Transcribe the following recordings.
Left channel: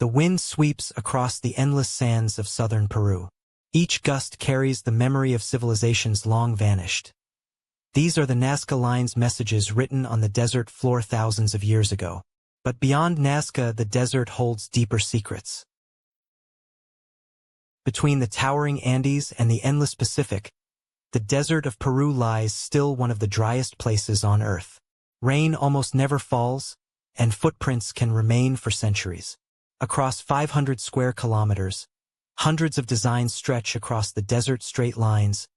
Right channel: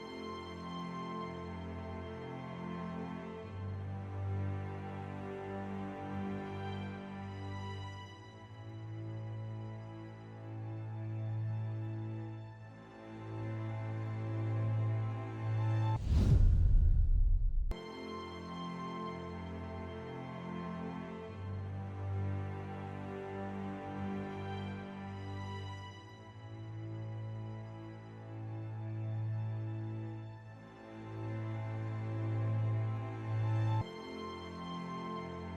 The wind sweeps across the endless sands of southern Peru. Each gust carries the memory of civilizations long vanished. These are the Nazca Lines messages written on the desert floor thousands of years ago. But beyond Nazca, the desert holds deeper secrets. Between the towering Andes and the endless Pacific, the desert of Peru lies still one of the driest places on Earth. Rain almost never falls, and footprints can remain for centuries. Across 500 square kilometers, hundreds of designs stretch across the desert, straight lines,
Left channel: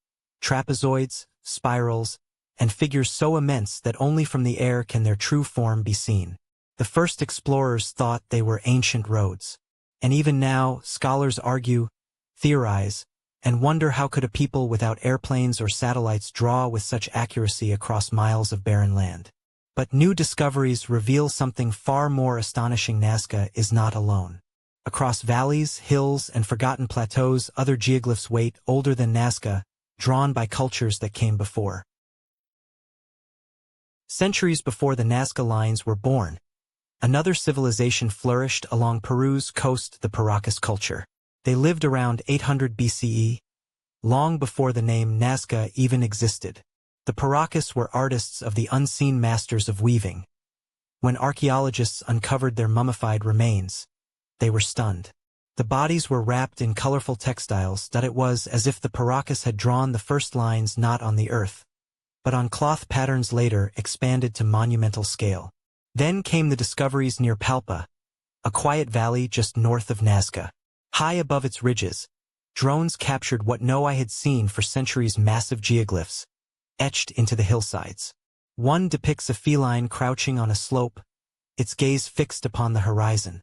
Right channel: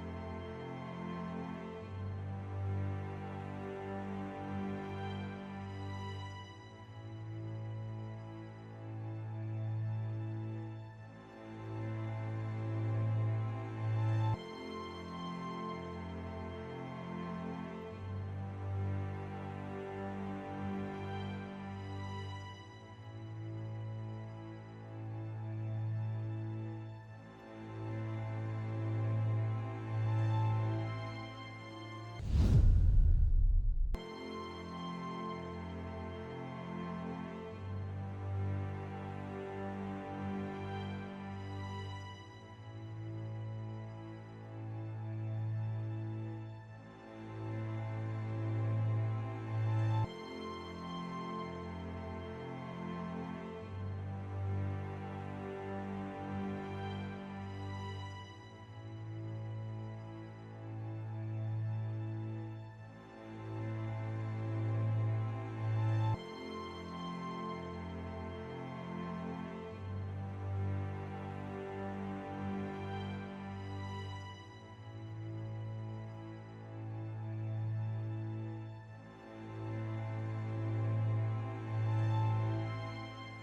trapezoids, spirals, and figures so immense that only from the air can their true form be seen. The first explorers thought they were ancient roads, and even now, scholars argue, theorize, and wonder how could a people without airplanes or satellites draw with such accuracy across miles of barren land. But new discoveries reveal something far more astonishing. Nazca is not alone. Across valleys, hills, and forgotten plateaus, other geoglyphs wait, older than Nazca, drawn by cultures that came before. Centuries before the Nazca Lines were born, another civilization flourished along Peru's coast, the Paracas culture. They lived around 800 BCE, long before the name Nazca even existed. The Paracas were artists of the unseen, masters of weaving. When archaeologists uncovered their mummified remains, they were stunned. The bodies were wrapped in colorful textiles that it was as if the Paracas had drawn the first lines not on the earth, but on cloth patterns later expanded to monumental scale. Then came the discoveries near Palpa, a quiet valley just north of Nazca. High above its ridges, drones captured what no eye had seen for centuries: massive geoglyphs, etched into the hillsides. One depicts a feline crouching on a slope, its gaze fixed upon the horizon.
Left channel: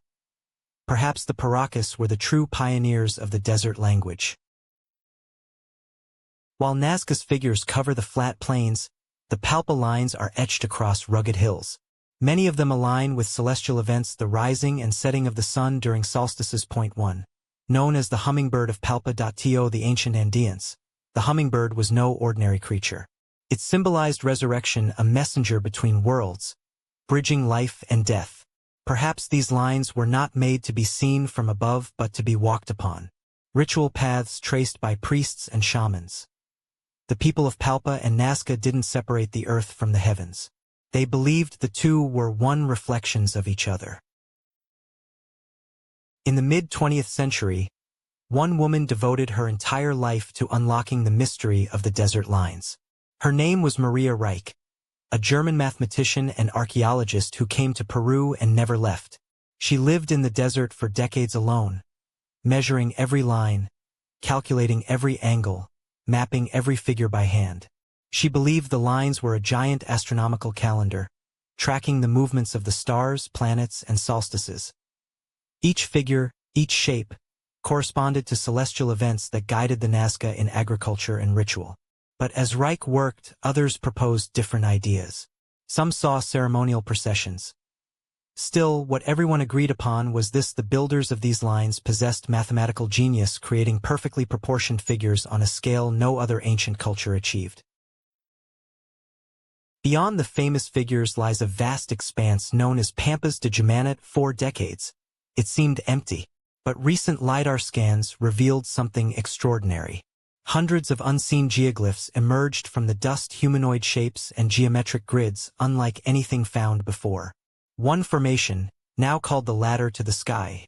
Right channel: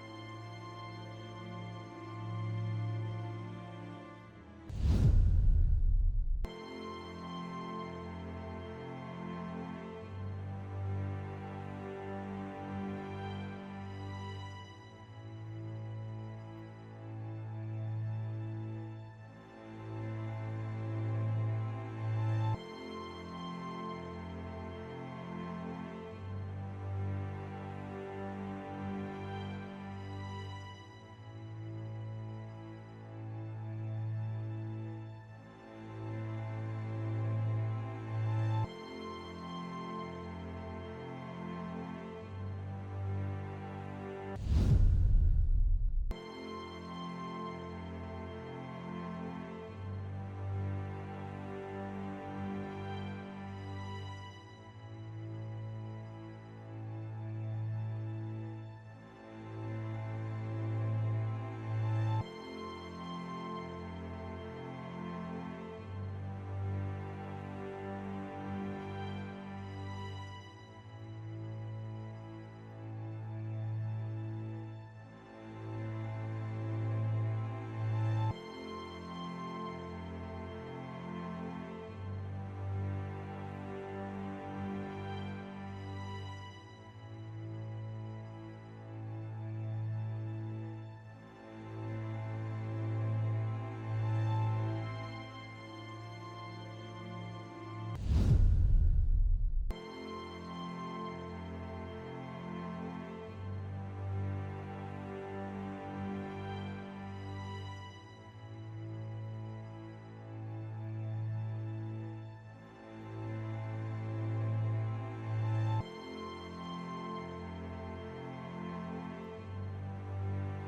Perhaps the Paracas were the true pioneers of the desert language. While Nazca's figures cover the flat plains, the Palpa lines are etched across rugged hills. Many of them align with celestial events, the rising and setting of the sun during solstices. Point 1. Known as the hummingbird of Palpa. The ancient Andeans, the hummingbird was no ordinary creature. It symbolized resurrection, a messenger between worlds, bridging life and death. Perhaps these lines were not made to be seen from above but to be walked upon. Ritual paths traced by priests and shamans. The people of Palpa and Nazca didn't separate the earth from the heavens. They believed the two were one, reflections of each other. In the mid-20th century, one woman devoted her entire life to unlocking the mystery of the desert lines. Her name was Maria Reich, a German mathematician and archaeologist who came to Peru and never left. She lived in the desert for decades alone, measuring every line, calculating every angle, mapping every figure by hand. She believed the lines were a giant astronomical calendar, tracking the movements of the stars, planets, and solstices. Each figure, each shape, corresponded to celestial events that guided the Nazca in agriculture and ritual. But as Reich worked, others proposed different ideas. Some saw ceremonial processions. Still, what everyone agreed upon was this: the builders of these lines possessed mathematical genius, creating perfectly proportioned figures on a scale no other ancient culture achieved. Beyond the famous figures lies a vast expanse known as Pampas de Jumana. For decades, it seemed empty, but recent LiDAR scans revealed something extraordinary. Hundreds of unseen geoglyphs emerged from the dust, humanoid shapes and geometric grids unlike anything found before. One formation, now called the ladder to the sky.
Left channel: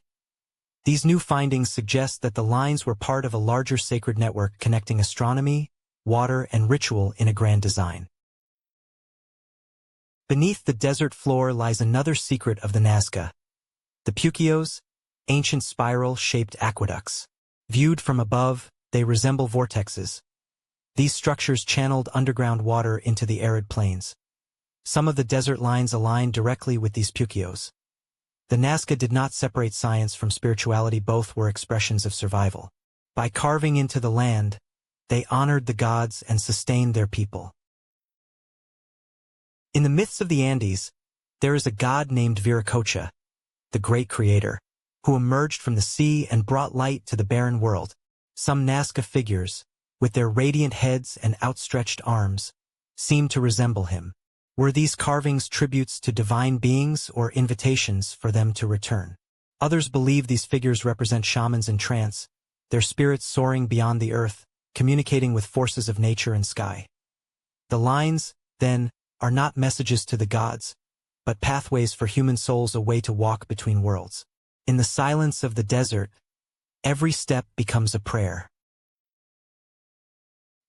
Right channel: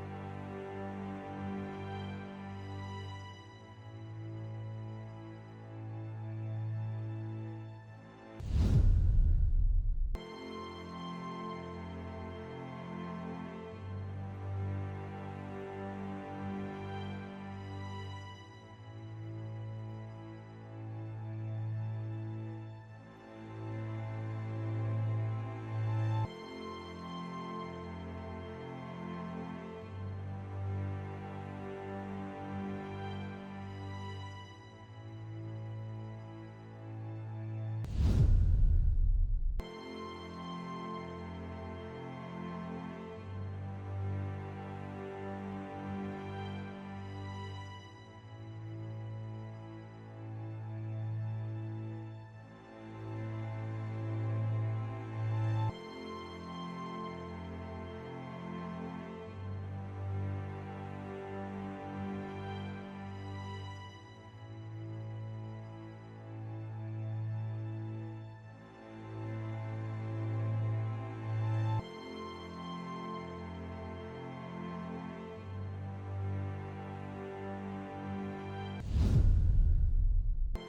These new findings suggest that the lines were part of a larger sacred network connecting astronomy, water, and ritual in a grand design. Beneath the desert floor lies another secret of the Nazca: the puquios, ancient spiral-shaped aqueducts. Viewed from above, they resemble vortexes. These structures channeled underground water into the arid plains. Some of the desert lines align directly with these puquios. The Nazca did not separate science from spirituality, both were expressions of survival. By carving into the land, they honored the gods and sustained their people. In the myths of the Andes, there is a god named Viracocha, the great creator, who emerged from the sea and brought light to the barren world. Some Nazca figures, with their radiant heads and outstretched arms, seem to resemble him. Were these carvings tributes to divine beings or invitations for them to return? Others believe these figures represent shamans in trance, their spirits soaring beyond the earth, communicating with forces of nature and sky. The lines, then, are not messages to the gods, but pathways for human souls, a way to walk between worlds. In the silence of the desert, every step becomes a prayer.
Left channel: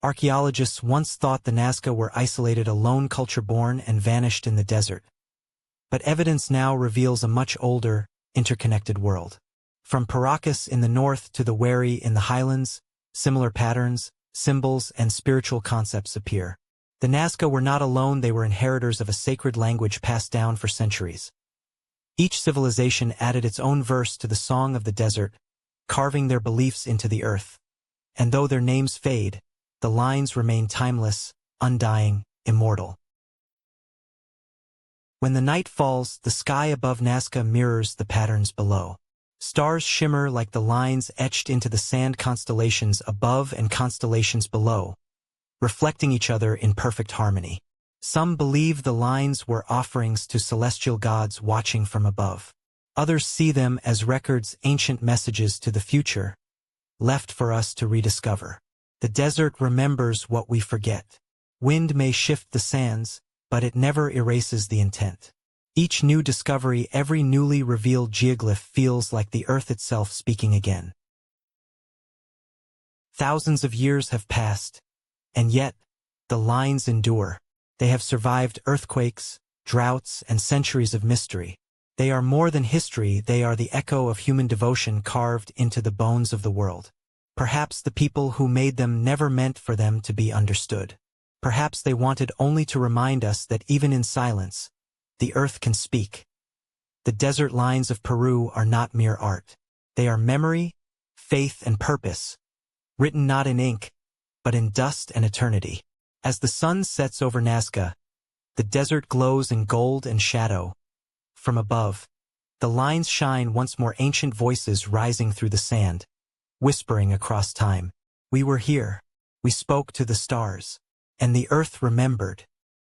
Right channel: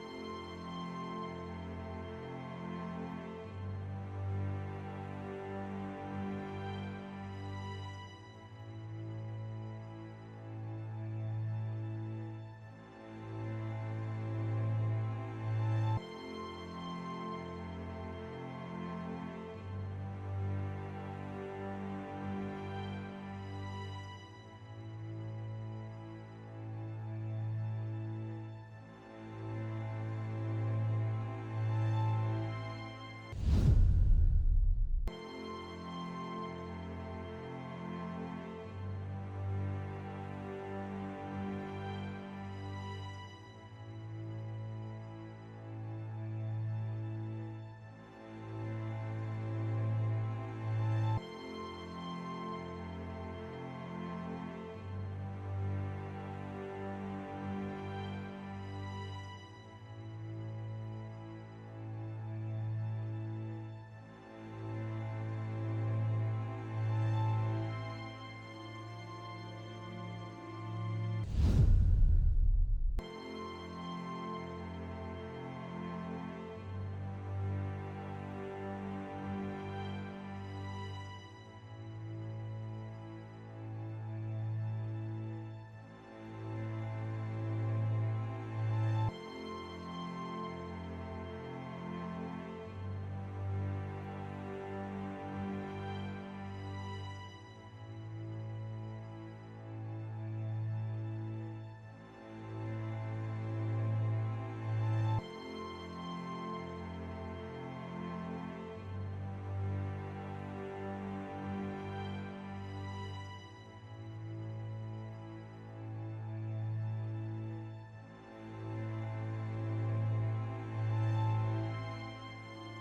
Archaeologists once thought the Nazca were isolated, a lone culture born and vanished in the desert. But evidence now reveals a much older, interconnected world. From Paracas in the north to the Wari in the highlands, similar patterns, symbols, and spiritual concepts appear. The Nazca were not alone, they were inheritors of a sacred language passed down for centuries. Each civilization added its own verse to the song of the desert, carving their beliefs into the earth. And though their names fade, the lines remain timeless, undying, immortal. When the night falls, the sky above Nazca mirrors the patterns below. Stars shimmer like the lines etched into the sand, constellations above and constellations below, reflecting each other in perfect harmony. Some believe the lines were offerings to celestial gods watching from above. Others see them as records, ancient messages to the future, left for us to rediscover. The desert remembers what we forget. Wind may shift the sands, but it never erases the intent. Each new discovery, every newly revealed geoglyph feels like the earth itself speaking again. Thousands of years have passed, and yet, the lines endure. They have survived earthquakes, droughts, and centuries of mystery. They are more than history, they are the echo of human devotion carved into the bones of the world. Perhaps the people who made them never meant for them to be understood. Perhaps they wanted only to remind us that even in silence, the earth can speak. The desert lines of Peru are not mere art. They are memory, faith, and purpose, written not in ink, but in dust and eternity. As the sun sets over Nazca, the desert glows in gold and shadow. From above, the lines shine, once more, ancient voices rising through the sand, whispering across time. We were here, we spoke to the stars, and the earth remembered.